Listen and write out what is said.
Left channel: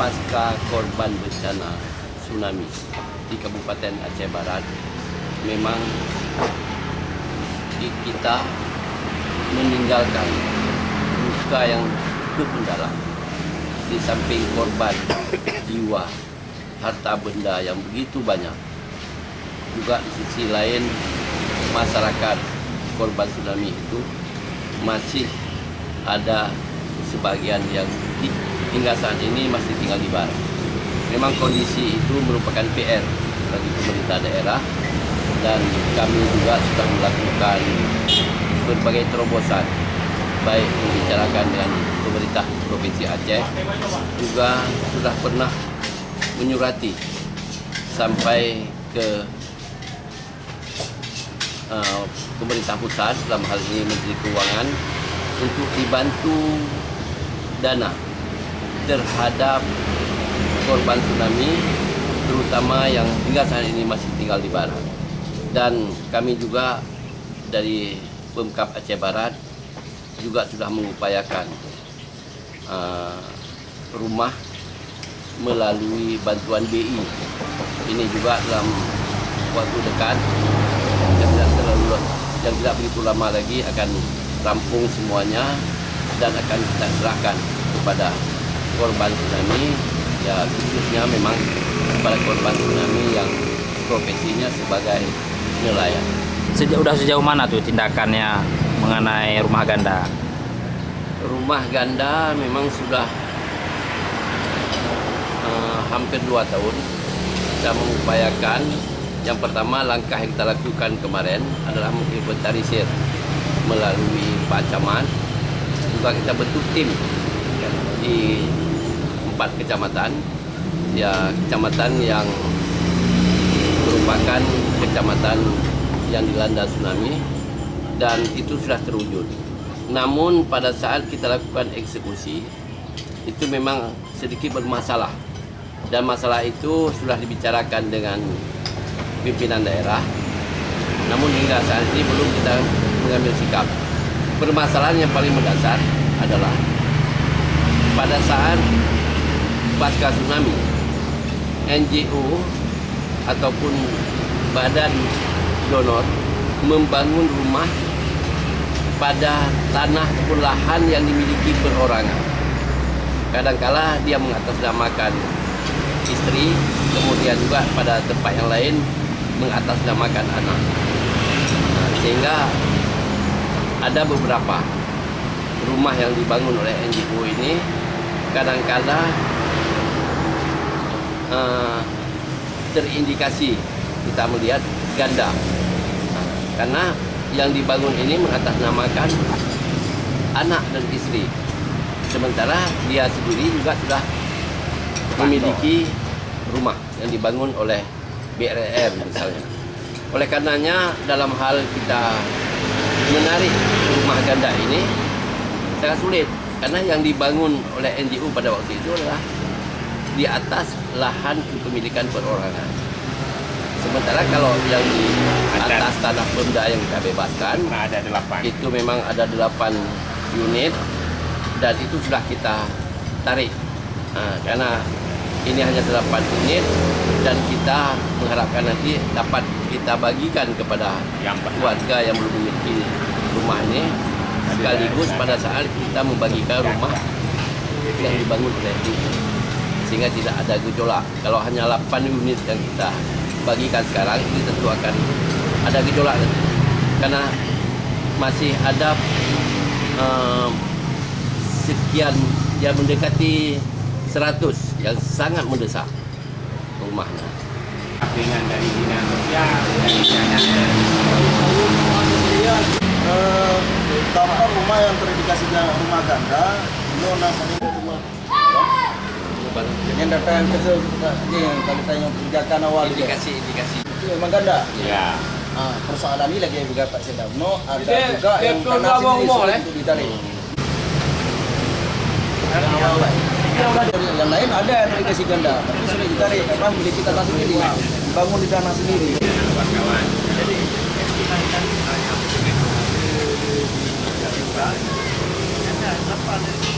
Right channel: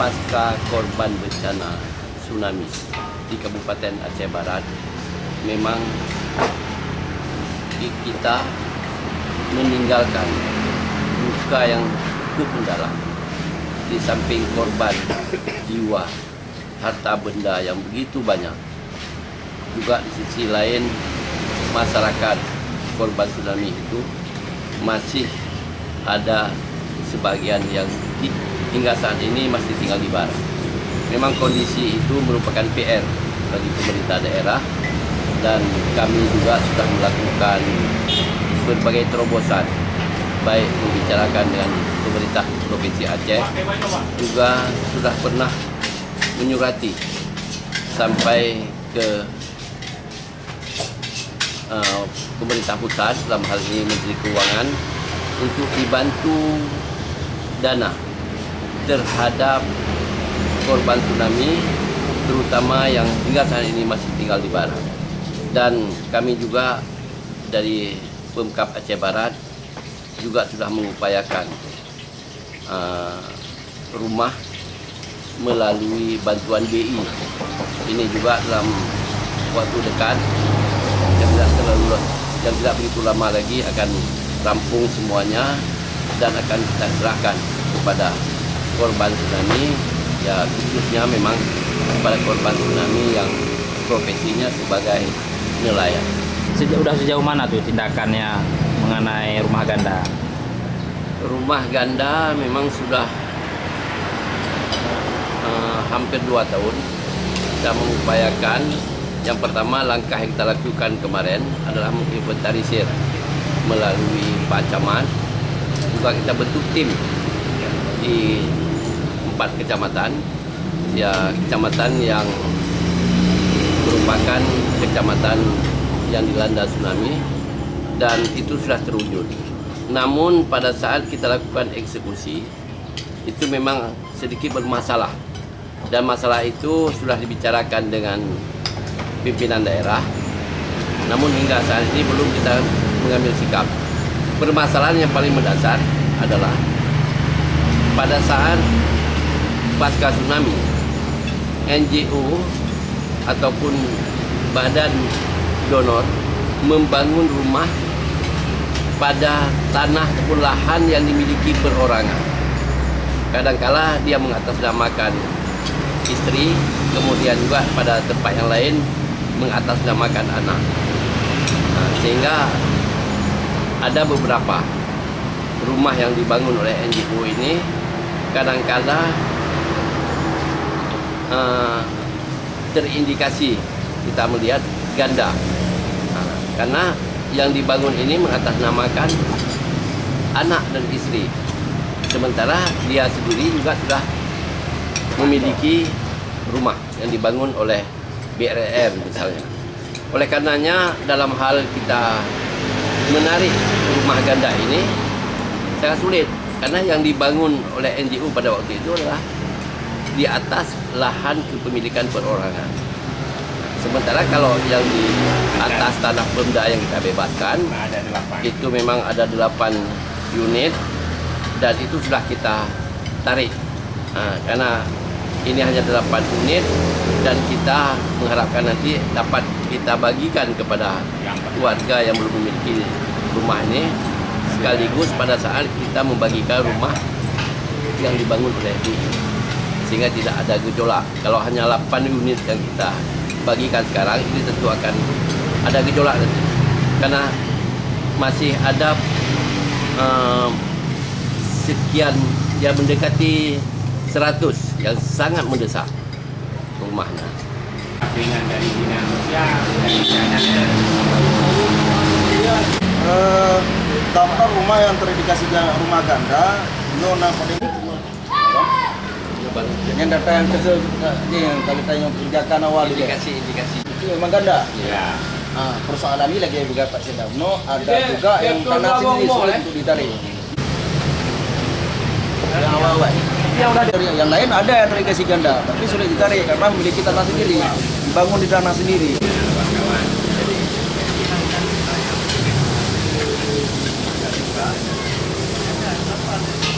pasca korban bencana tsunami di Kabupaten Aceh Barat, memang kita meninggalkan luka yang cukup mendalam. Di samping korban jiwa, harta benda yang begitu banyak, juga di sisi lain masyarakat korban tsunami itu masih ada sebagian yang hingga saat ini masih tinggal di Barat. Memang kondisi itu merupakan PR bagi pemerintah daerah, dan kami juga sudah melakukan berbagai terobosan, baik membicarakan dengan pemerintah Provinsi Aceh, juga sudah pernah menyurati sampai ke pemerintah pusat, dalam hal ini Menteri Keuangan, untuk dibantu dana terhadap korban tsunami, terutama yang hingga saat ini masih tinggal di Barat. Dan kami juga dari Pemkab Aceh Barat juga sudah mengupayakan rumah melalui bantuan BI. Ini juga dalam waktu dekat yang tidak begitu lama lagi akan rampung semuanya dan akan kita serahkan kepada korban tsunami, ya khususnya memang kepada korban tsunami yang profesinya sebagai nelayan. Sejauh mana tuh tindakannya mengenai rumah ganda? Rumah ganda memang sudah hampir 2 tahun kita mengupayakan. Yang pertama, langkah yang kita lakukan kemarin adalah menginventarisir melalui Pak Camat. Juga kita bentuk tim di 4 kecamatan, ya kecamatan yang merupakan kecamatan yang dilanda tsunami, dan itu sudah terwujud. Namun pada saat kita lakukan eksekusi itu memang sedikit bermasalah, dan masalah itu sudah dibicarakan dengan pimpinan daerah, namun hingga saat ini belum kita mengambil sikap. Permasalahan yang paling mendasar adalah pada saat pasca tsunami, NGO ataupun badan donor membangun rumah pada tanah ataupun lahan yang dimiliki perorangan. Kadangkala dia mengatasnamakan istri, kemudian juga pada tempat yang lain mengatasnamakan anak. Sehingga ada beberapa rumah yang dibangun oleh NGO ini kadang-kala terindikasi kita melihat ganda, karena yang dibangun ini mengatasnamakan anak dan istri, sementara dia sendiri juga sudah memiliki rumah yang dibangun oleh BRR misalnya. Oleh karenanya dalam hal kita menarik rumah ganda ini sangat sulit, karena yang dibangun oleh NGO pada waktu itu adalah di atas lahan kepemilikan perorangan. Sementara kalau yang di atas tanah Pemda yang kita bebaskan, itu memang ada 8 unit, dan itu sudah kita tarik. Karena ini hanya 8 unit, dan kita mengharapkan nanti dapat kita bagikan kepada keluarga yang belum memiliki rumah ini, sekaligus pada saat kita membagikan rumah yang dibangun oleh itu, sehingga tidak ada gejolak. Kalau hanya 8 unit yang kita bagikan sekarang, ini tentu akan ada gejolak nanti, karena masih ada sekian yang mendekati 100 yang sangat mendesak rumahnya. Dengan dari dinas sosial, daftar rumah yang terindikasi rumah ganda, yang data yang yang kali tanya pendidikan awal Indikasi itu memang ganda. ya. Persoalan ini lagi juga Pak Sedamno, ada juga yang tanah sendiri sulit untuk ditarik. Yang awal, yang lain ada yang terindikasi ganda, tapi sulit ditarik karena memiliki tanah sendiri, dibangun di tanah sendiri.